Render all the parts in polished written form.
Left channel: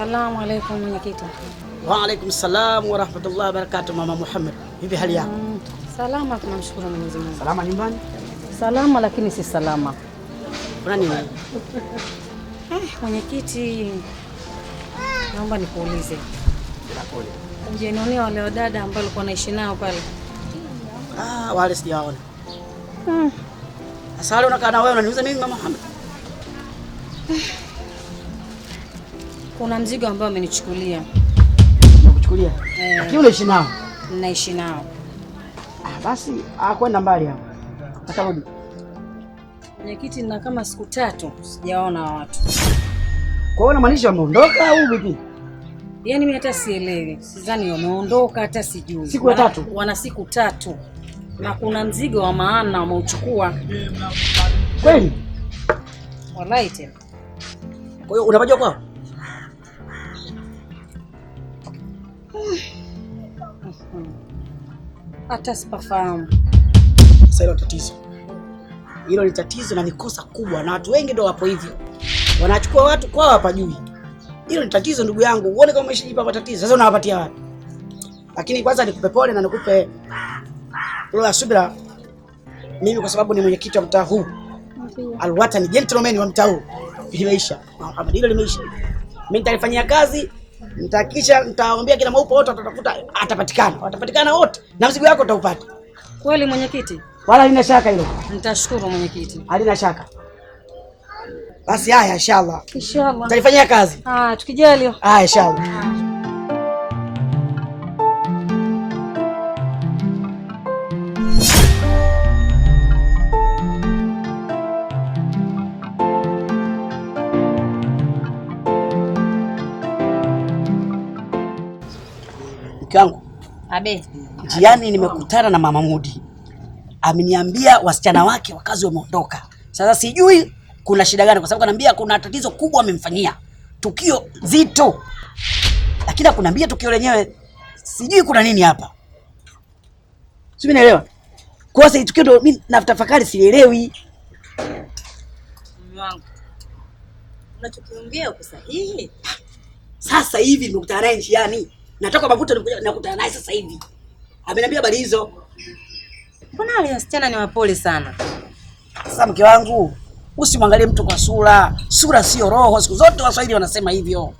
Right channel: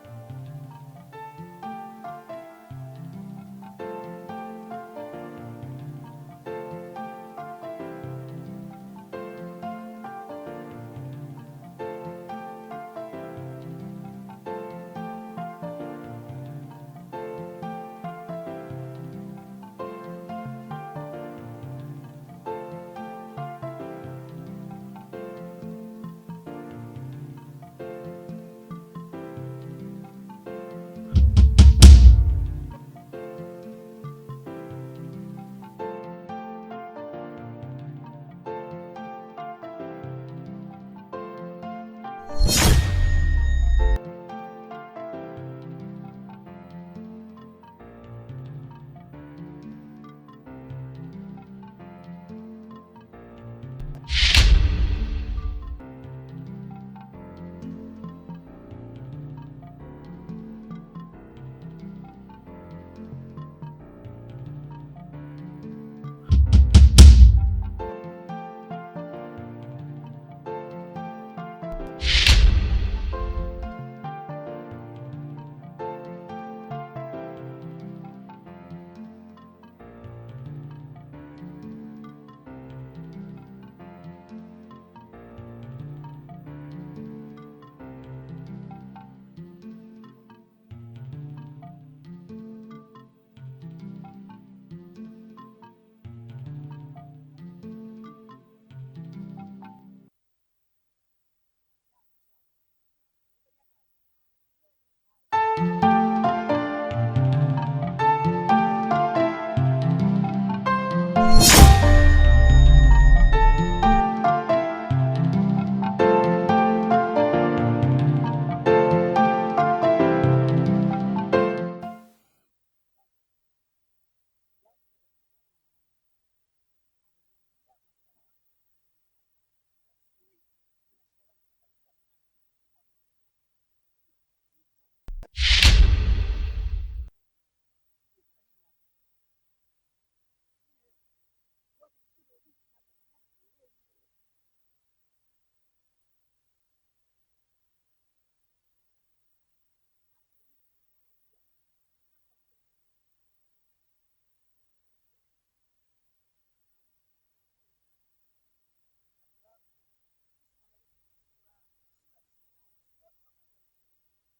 Salamu alaykum mwenyekiti. Wa alaykum salam wa rahmatullahi wa barakatuh. Mama Muhammad, vipi hali yako? Salama, tunamshukuru Mwenyezi Mungu. Salama nyumbani? Salama lakini si salama. Kuna nini? Mwenyekiti, naomba nikuulize. Je, naona wale wadada ambao walikuwa naishi nao pale? Wale sijaona. Sasa wale unakaa na wewe unaniuliza nini Mama Muhammad? Kuna mzigo ambao amenichukulia. Kuchukulia? Lakini unaishi nao? Naishi nao. Basi kwenda mbali hapo. Atarudi. Mwenyekiti, na kama siku 3 sijaona watu. Kwa hiyo unamaanisha wameondoka au vipi? Yaani mimi hata sielewi. Sidhani wameondoka, hata sijui. Siku ya 3. Wana siku 3. Na kuna mzigo wa maana wameuchukua. Kweli? Wallahi tena. Kwa hiyo unapajua kwao? Hata sipafahamu. Sasa hilo tatizo. Hilo ni tatizo na ni kosa kubwa na watu wengi ndio wapo hivyo. Wanachukua watu kwao hapajui. Hilo ni tatizo ndugu yangu. Uone kama umeshijipa matatizo. Sasa unawapatia wapi? Lakini kwanza nikupe pole na nikupe roho ya subira. Mimi kwa sababu ni mwenyekiti wa mtaa huu. Alwatani gentleman wa mtaa huu. Limeisha. Kama hilo limeisha. Mimi nitalifanyia kazi. Nitahakikisha nitawaambia kila maupo wote watatafuta atapatikana. Watapatikana wote na mzigo wako utaupata. Kweli mwenyekiti? Wala halina shaka hilo. Nitashukuru mwenyekiti. Halina shaka. Basi haya inshallah. Inshallah. Tutalifanyia kazi. Tukijaliwa. Inshallah. Kangu. Abe. Njiani nimekutana na Mama Mudi. Ameniambia wasichana wake wakazi wameondoka. Sasa sijui kuna shida gani kwa sababu ananiambia kuna tatizo kubwa amemfanyia. Tukio zito. Lakini akuniambia tukio lenyewe sijui kuna nini hapa. Sijui naelewa. Kwa sababu tukio ndio mimi natafakari sielewi. Mwanangu. Unachokiongea uko sahihi? Sasa hivi nimekutana naye njiani. Natoka Mavuto nakutana naye sasa hivi. Ameniambia habari hizo. Mbona wale wasichana ni wapole sana? Sasa mke wangu, usimwangalie mtu kwa sura. Sura sio roho. Siku zote Waswahili wanasema hivyo.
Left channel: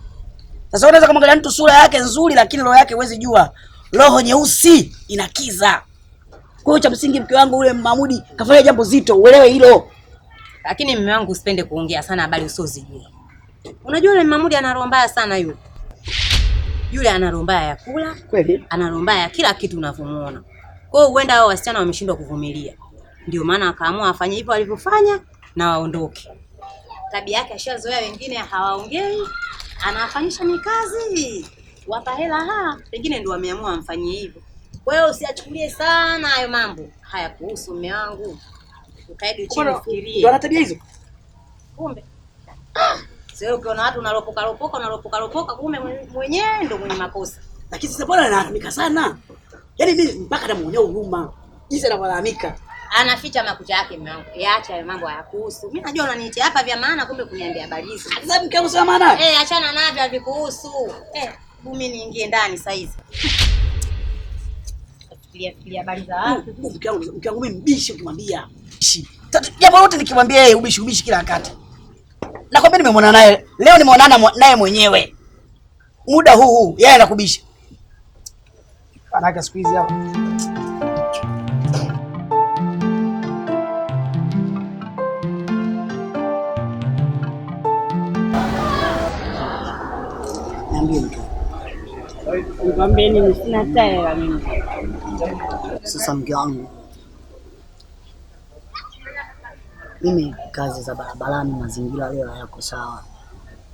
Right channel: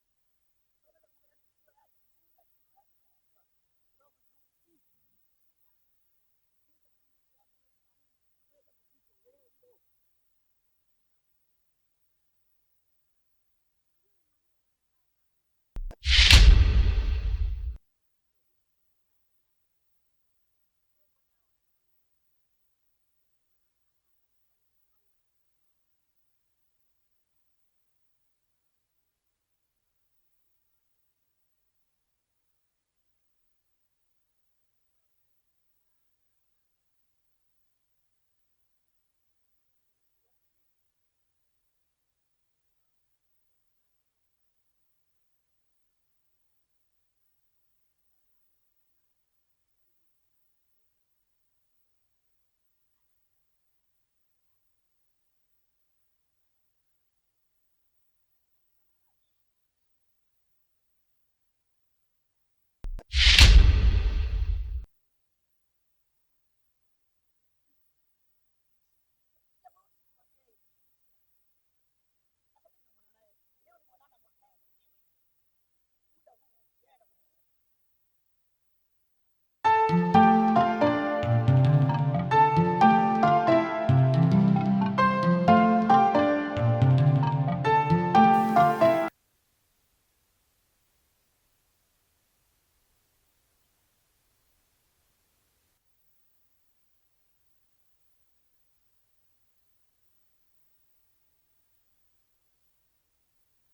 Sasa unaweza kumwangalia mtu sura yake nzuri lakini roho yake huwezi jua. Roho nyeusi inakiza. Kwa hiyo cha msingi mke wangu ule Mamudi kafanya jambo zito, uelewe hilo. Lakini mume wangu usipende kuongea sana habari usizojua. Unajua yule Mamudi ana roho mbaya sana yule. Yule ana roho mbaya ya kula, kweli? Ana roho mbaya ya kila kitu unavyomuona. Kwa hiyo huenda hao wasichana wameshindwa kuvumilia. Ndio maana akaamua afanye hivyo alivyofanya na waondoke. Tabia yake ashazoea wengine hawaongei, anawafanyisha mikazi. Wapa hela pengine ndio wameamua amfanyie hivyo. Kwa hiyo usiachukulie sana hayo mambo. Haya kuhusu mume wangu. Ukaidi chini fikirie. Ndio ana tabia hizo. Kumbe. Sio ukiona watu unalopoka kumbe mwenyewe ndio mwenye makosa. Lakini sasa bwana analalamika sana. Yaani mimi mpaka namuonea huruma. Jinsi analalamika. Anaficha makucha yake mume wangu. Yaacha hayo mambo hayakuhusu. Mimi najua unaniitia hapa vya maana kumbe kuniambia habari hizo. Sasa mke wangu sema maana? Achana navyo havikuhusu. Mimi niingie ndani sasa hizi. Fikiria habari za watu. Mke wangu mimi mbishi ukimwambia. Jambo lote nikimwambia yeye ubishi kila wakati. Nakwambia nimemwona naye. Leo nimeonana naye mwenyewe. Muda huu yeye anakubisha. Anaka siku hizi hapo. Niambie mtu. Nikwambie nini, sina tayari mimi. Sasa mke wangu. Mimi kazi za barabarani mazingira leo hayako sawa.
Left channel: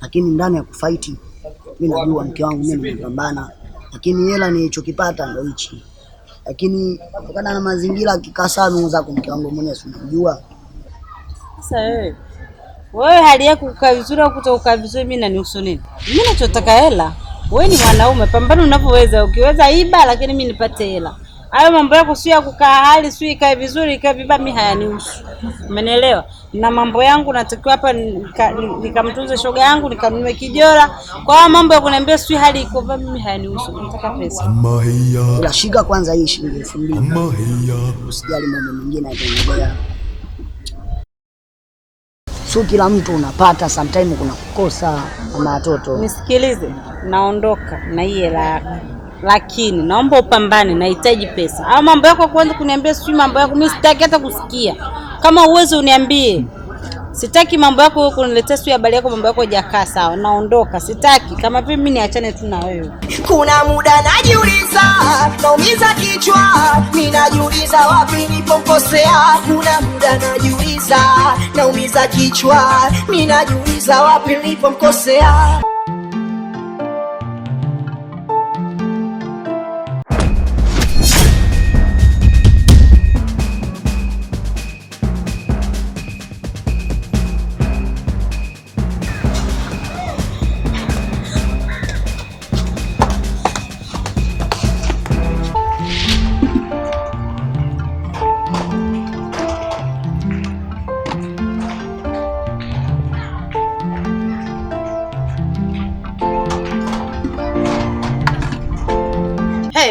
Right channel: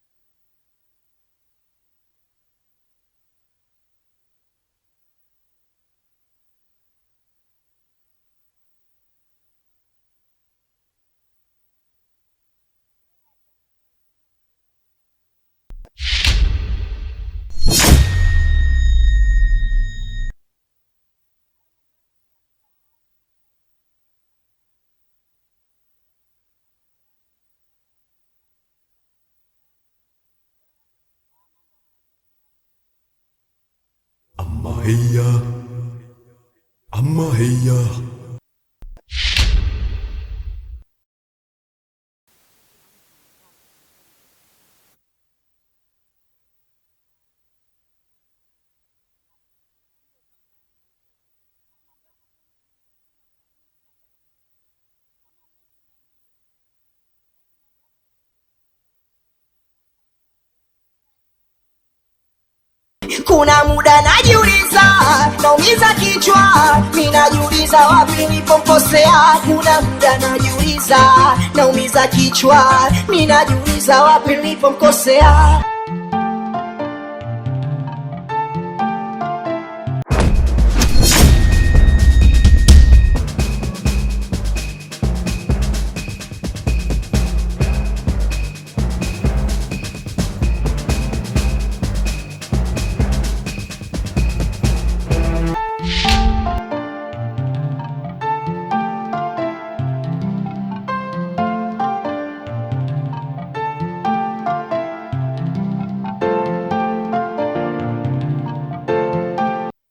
Lakini ndani ya kufight mimi najua mke wangu mimi nimepambana. Lakini hela nilichokipata ndio hichi. Lakini kutokana na mazingira kikaa sana zako mke wangu mwenyewe unajua. Sasa wewe hali yako kukaa vizuri au kutoka vizuri mimi nanihusu nini? Mimi nachotaka hela. Wewe ni mwanaume, pambana unavyoweza. Ukiweza iba lakini mimi nipate hela. Hayo mambo yako sio ya kukaa hali sio ikae vizuri ikae vibaya, mimi hayanihusu. Umenielewa? Na mambo yangu natakiwa hapa nikamtunze shoga yangu, nikanunue kijora. Kwa hiyo mambo ya kuniambia sio hali iko vibaya, mimi hayanihusu. Nataka pesa. Unashika kwanza hii shilingi 2000. Usijali mambo mengine yanaendelea. Sio kila mtu unapata, sometimes kuna kukosa na watoto. Nisikilize, naondoka na hii hela yako. Lakini naomba upambane, nahitaji pesa. Hao mambo yako kwanza kuniambia sio mambo yako, mimi sitaki hata kusikia. Kama uwezo uniambie. Sitaki mambo yako wewe kuniletea sio habari yako, mambo yako hajakaa sawa. Naondoka, sitaki. Kama vipi mimi niachane tu na wewe. Kuna muda najiuliza, naumiza kichwa, mimi najiuliza wapi nilipokosea. Kuna muda najiuliza, naumiza kichwa, mimi najiuliza wapi nilipokosea.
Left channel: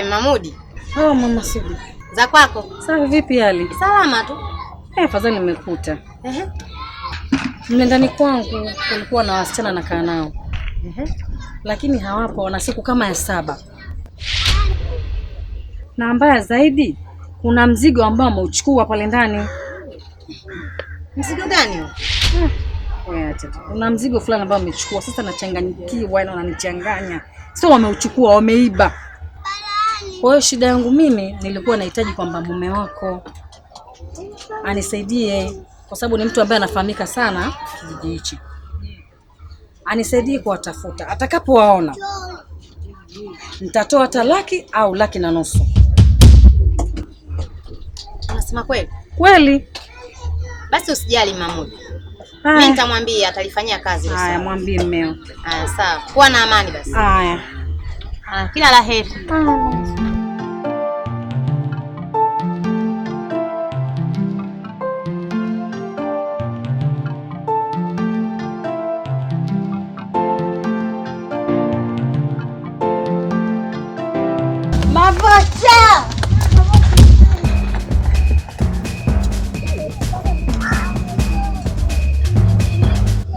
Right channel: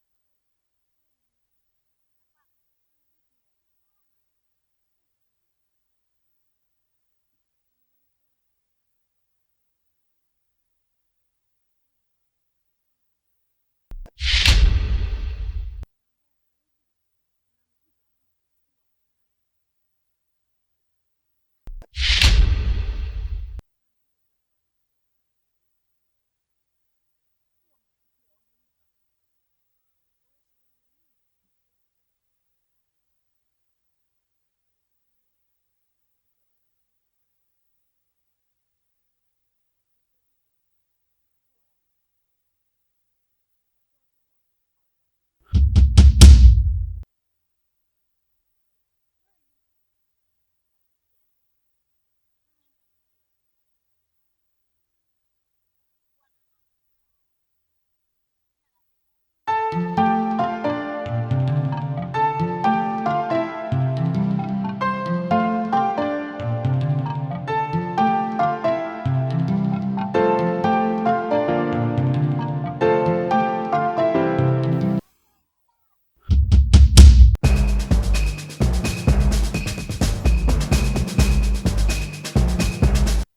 Mamudi. Oh, mama Sudi. Za kwako? Sawa, vipi hali? Salama tu. Afadhali nimekuta. Mle ndani kwangu kulikuwa na wasichana nakaa nao. Lakini hawapo, wana siku kama ya 7. Na mbaya zaidi, kuna mzigo ambao ameuchukua pale ndani. Mzigo gani huo? Kuna mzigo fulani ambao amechukua. Sasa nachanganyikiwa na wananichanganya. Sio wameuchukua, wameiba. Kwa hiyo shida yangu mimi nilikuwa nahitaji kwamba mume wako anisaidie, kwa sababu ni mtu ambaye anafahamika sana kijiji hichi. Anisaidie kuwatafuta. Atakapowaona nitatoa hata 100,000 au 1,500,000. Unasema kweli? Kweli. Basi usijali Mahmud. Mimi nitamwambia atalifanyia kazi leo. Haya, mwambie mmeo. Haya, sawa. Kuwa na amani basi. Haya. Kila la heri.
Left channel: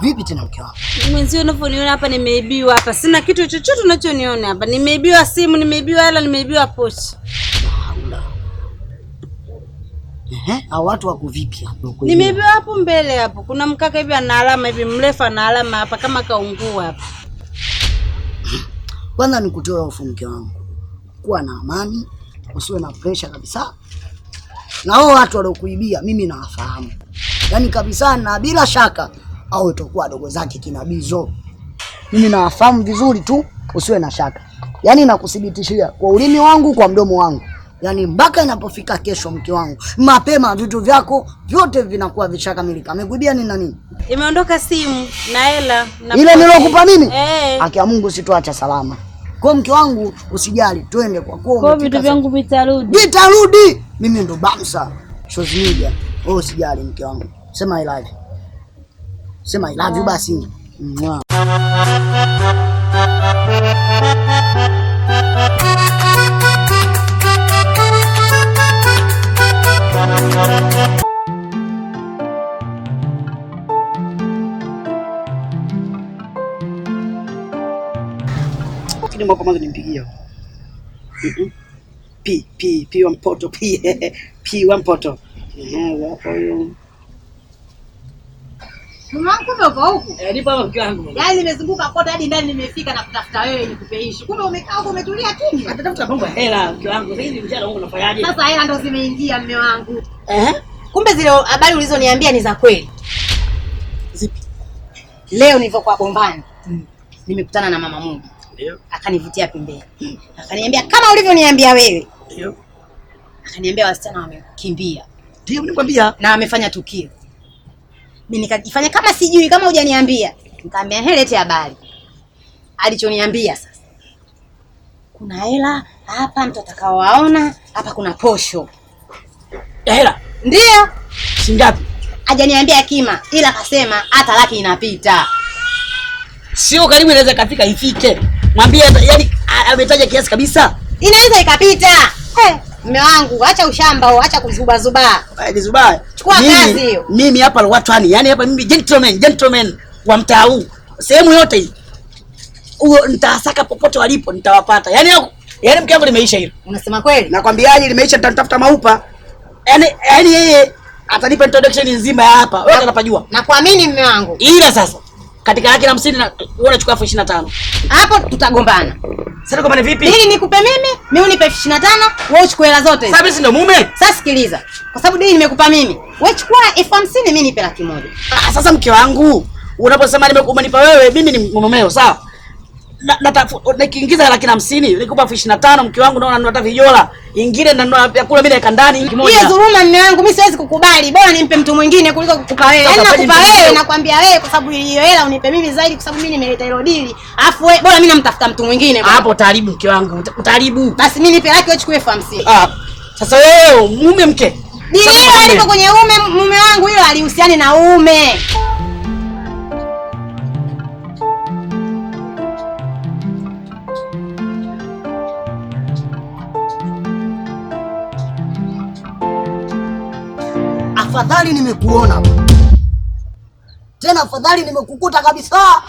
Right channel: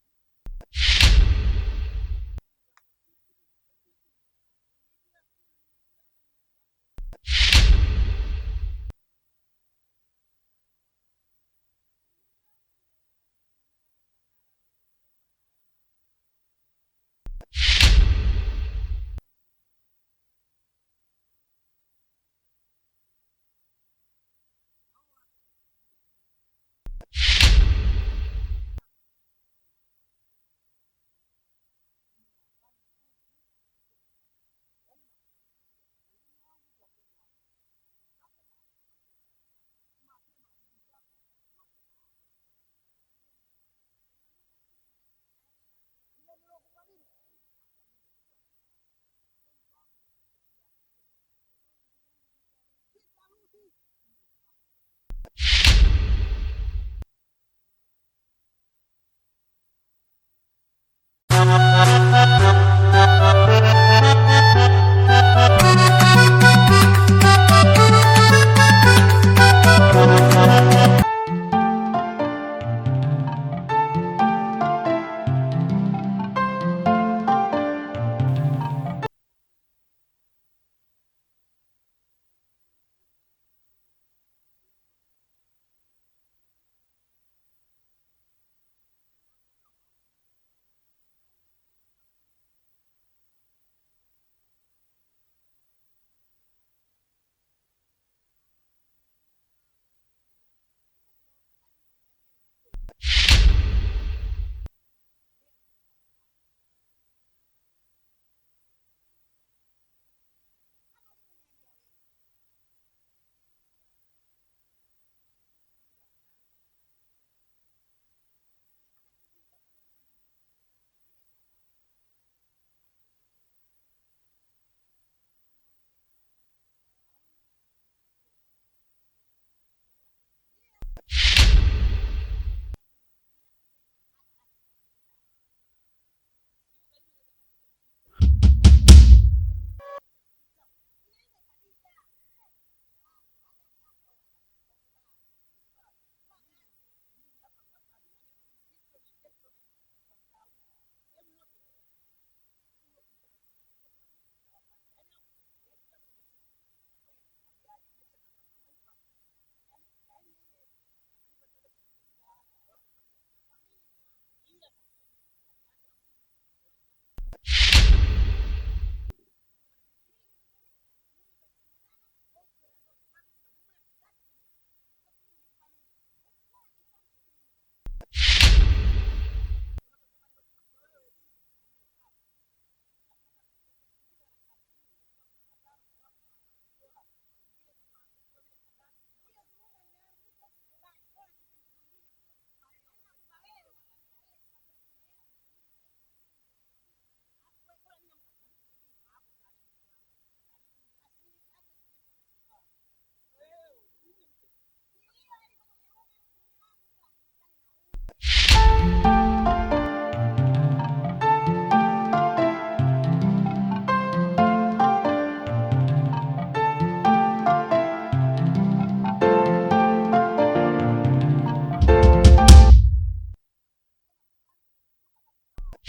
Vipi tena mke wangu? Mwenzio unavyoniona hapa nimeibiwa hapa. Sina kitu chochote unachoniona hapa. Nimeibiwa simu, nimeibiwa hela, nimeibiwa pochi. Hao watu wako vipi hapo? Nimeibiwa hapo mbele hapo. Kuna mkaka hivi ana alama hivi mrefu ana alama hapa kama kaungua hapa. Kwanza nikutoe hofu mke wangu. Kuwa na amani, usiwe na pressure kabisa. Na hao watu waliokuibia mimi nawafahamu. Yaani kabisa, na bila shaka au itakuwa dogo zake kina Bizo. Mimi nawafahamu vizuri tu, usiwe na shaka. Yaani nakuthibitishia kwa ulimi wangu, kwa mdomo wangu. Yaani mpaka inapofika kesho mke wangu, mapema vitu vyako vyote vinakuwa vishakamilika. Amekuibia nini na nini? Imeondoka simu na hela na ile nilokupa mimi? Haki ya Mungu sitoacha salama. Kwa mke wangu usijali, twende kwa kwa vitu vyangu vitarudi. Vitarudi. Mimi ndo Bamsa social media. Wewe usijali mke wangu. Sema I love you. Sema I love you basi. Kile mwako mwanzo nimpigia. P wa mpoto P wa mpoto. Hapo hiyo. Kumbe uko huku? Nipo hapa mke wangu. Yaani nimezunguka kote hadi ndani nimefika na kutafuta wewe nikupeishi. Kumbe umekaa huko umetulia kimya. Natafuta mambo ya hela mke wangu. Sasa hivi mjana wangu unafanyaje? Sasa hela ndo zimeingia mume wangu. Kumbe zile habari ulizoniambia ni za kweli. Zipi? Leo nilivyokuwa Bombani. Nimekutana na mama Mungu. Ndio. Akanivutia pembeni. Akaniambia kama ulivyoniambia wewe. Ndio. Akaniambia wasichana wamekimbia. Ndio nikwambia. Na wamefanya tukio. Mimi nikajifanya kama sijui, kama hujaniambia. Nikamwambia lete habari. Alichoniambia sasa. kuna hela hapa mtu atakaowaona, hapa kuna posho. Ya hela? Ndio. Shingapi? Hajaniambia kima, ila akasema hata laki inapita. Sio karibu inaweza kafika ifike. Mwambie yani ametaja kiasi kabisa. Inaweza ikapita. Mume wangu, acha ushamba, acha kuzuba zuba. Ni zuba. Chukua kazi hiyo. Mimi hapa watu yani hapa mimi gentleman wa mtaa huu. Sehemu yote hii. Huo nitasaka popote walipo nitawapata. Yaani mke wangu limeisha hilo. Unasema kweli? Nakwambiaje limeisha, nitatafuta maupa. Yaani yeye atanipa introduction nzima ya hapa. Wewe unapajua. Nakuamini mume wangu. Ila sasa katika laki na 50 na wewe unachukua 25. Hapo tutagombana. Sasa kama ni vipi? Ili nikupe mimi unipe 25, wewe uchukue hela zote. Sasa si ndo mume? Sasa sikiliza. Kwa sababu deni nimekupa mimi. Wewe chukua 50,000 mimi nipe 100,000. Sasa mke wangu, unaposema umenipa wewe, mimi ni mumeo, sawa? Nikiingiza laki na 50, nikupa 25, mke wangu naona nunua vijola. Ingine nanunua vyakula mimi naeka ndani kimoja. Hiyo dhuluma mume wangu, mimi siwezi kukubali. Bora nimpe mtu mwingine kuliko kukupa wewe. Yaani nakupa wewe, nakwambia wewe kwa sababu hiyo hela unipe mimi zaidi kwa sababu mimi nimeleta hilo dili. Alafu wewe bora mimi namtafuta mtu mwingine. Hapo utaharibu mke wangu, utaharibu. Basi mimi nipe laki, wewe chukue 50. Sasa wewe mume mke. Dili hilo aliko kwenye mume wangu, hilo alihusiani na ume. Afadhali nimekuona tena, afadhali nimekukuta kabisa.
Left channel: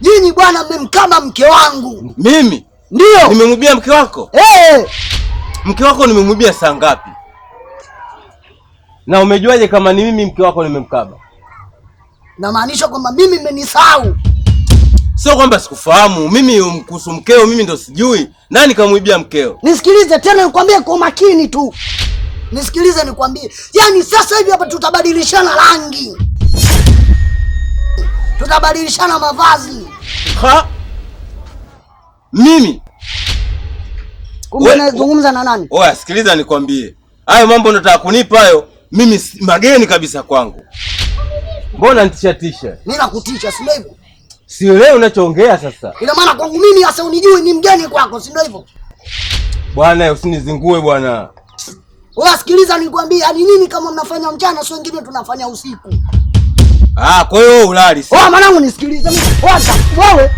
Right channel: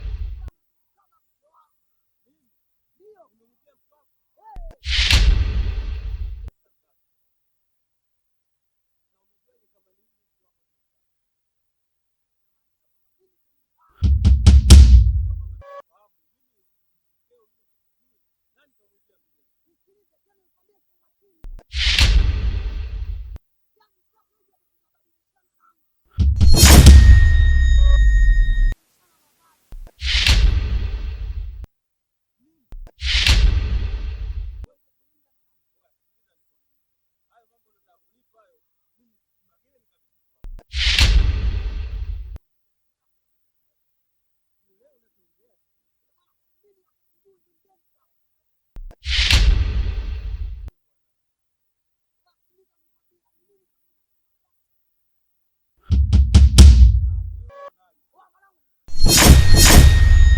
Nyinyi bwana mmemkama mke wangu. Mimi? Ndio. Nimemwibia mke wako? Mke wako nimemwibia saa ngapi? Na umejuaje kama ni mimi mke wako nimemkaba? Namaanisha kwamba mimi mmenisahau. Sio kwamba sikufahamu. Mimi kuhusu mkeo mimi ndo sijui. Nani kamwibia mkeo? Nisikilize tena nikwambie kwa makini tu. Nisikilize nikwambie. Yaani sasa hivi hapa tutabadilishana rangi. Tutabadilishana mavazi. Mimi? Kumbe unazungumza na nani? Oya, sikiliza nikwambie. Hayo mambo unataka kunipa hayo, mimi mageni kabisa kwangu. Mbona nitisha? Mimi nakutisha, si ndio hivyo? Sielewi unachoongea sasa. Ina maana kwangu mimi hasa unijui ni mgeni kwako, si ndio hivyo? Bwana usinizingue bwana. Wewe sikiliza nikwambie, yani nini kama mnafanya mchana sio wengine tunafanya usiku. Kwa hiyo ulali sasa. Mwanangu nisikilize mimi. Wewe.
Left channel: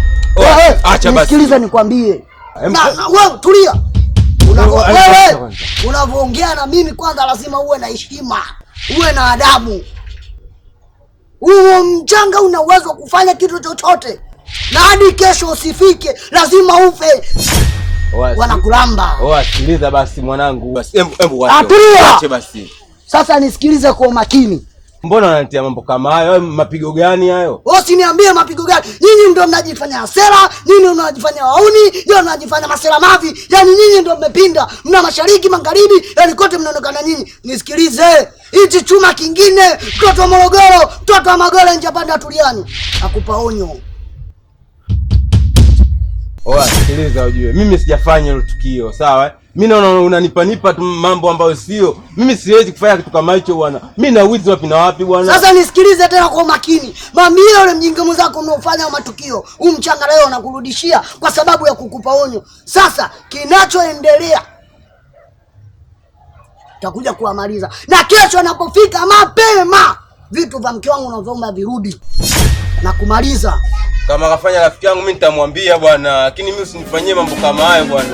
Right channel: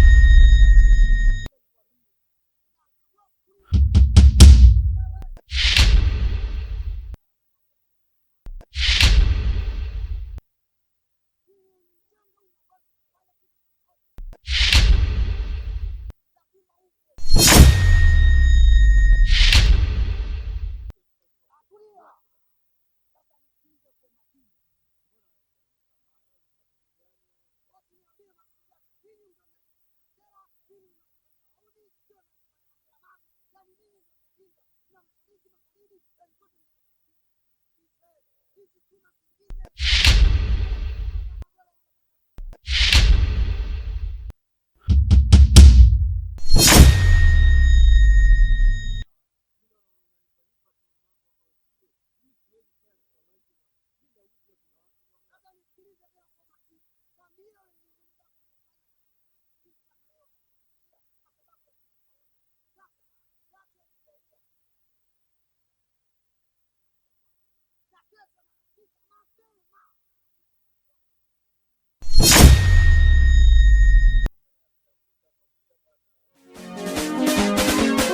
Acha basi. Nisikilize nikwambie. Wewe tulia. Wewe unavyoongea na mimi kwanza lazima uwe na heshima, uwe na adabu. Huo mchanga una uwezo kufanya kitu chochote. Na hadi kesho usifike, lazima ufe. Wanakulamba. Sikiliza basi mwanangu. Basi hebu wache basi. Sasa nisikilize kwa makini. Mbona unanitia mambo kama hayo? Mapigo gani hayo? Usiniambie mapigo gani. Nyinyi ndio mnajifanya hasira, nyinyi mnajifanya wauni, ndio mnajifanya masela mavi. Yaani nyinyi ndio mmepinda. Mna mashariki, magharibi, yaani kote mnaonekana nyinyi. Nisikilize. Hichi chuma kingine, mtoto wa Morogoro, mtoto wa Magole nje panda tuliani. Nakupa onyo. Sikiliza ujue. Mimi sijafanya hilo tukio, sawa? Mimi naona unanipa mambo ambayo sio. Mimi siwezi kufanya kitu kama hicho bwana. Mimi na wizi wapi na wapi bwana? Sasa nisikilize tena kwa makini. Mami yule mjinga mzako unaofanya matukio, umchanga leo anakurudishia kwa sababu ya kukupa onyo. Sasa kinachoendelea takuja kuamaliza. Na kesho anapofika mapema, vitu vya mke wangu unaomba virudi. Na kumaliza. Kama kafanya rafiki yangu mimi nitamwambia bwana, lakini mimi usinifanyie mambo kama hayo bwana.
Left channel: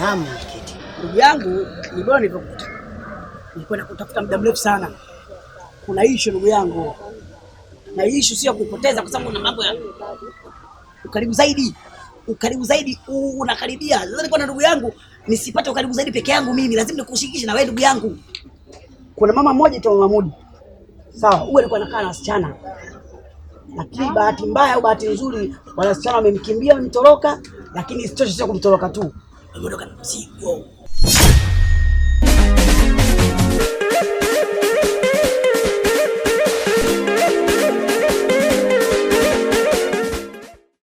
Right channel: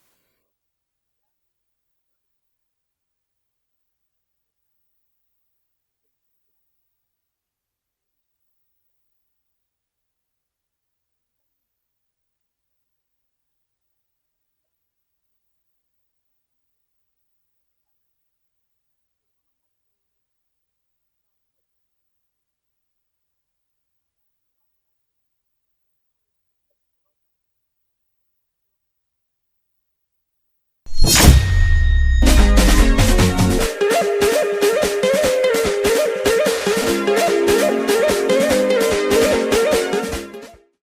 Naam, ndugu yangu, ni bora nilipokuta. Nilikuwa nakutafuta muda mrefu sana. Kuna issue ndugu yangu. Na issue sio kuipoteza kwa sababu una mambo ya ukaribu zaidi. Ukaribu zaidi unakaribia. Sasa nilikuwa na ndugu yangu, nisipate ukaribu zaidi peke yangu mimi, lazima nikushirikishe na wewe ndugu yangu. Kuna mama mmoja tu Mahmudi. Sawa, huyu alikuwa anakaa na wasichana. Lakini bahati mbaya au bahati nzuri, wale wasichana wamemkimbia, wamemtoroka, lakini isitoshe sio kumtoroka tu. Wameondoka na mzigo.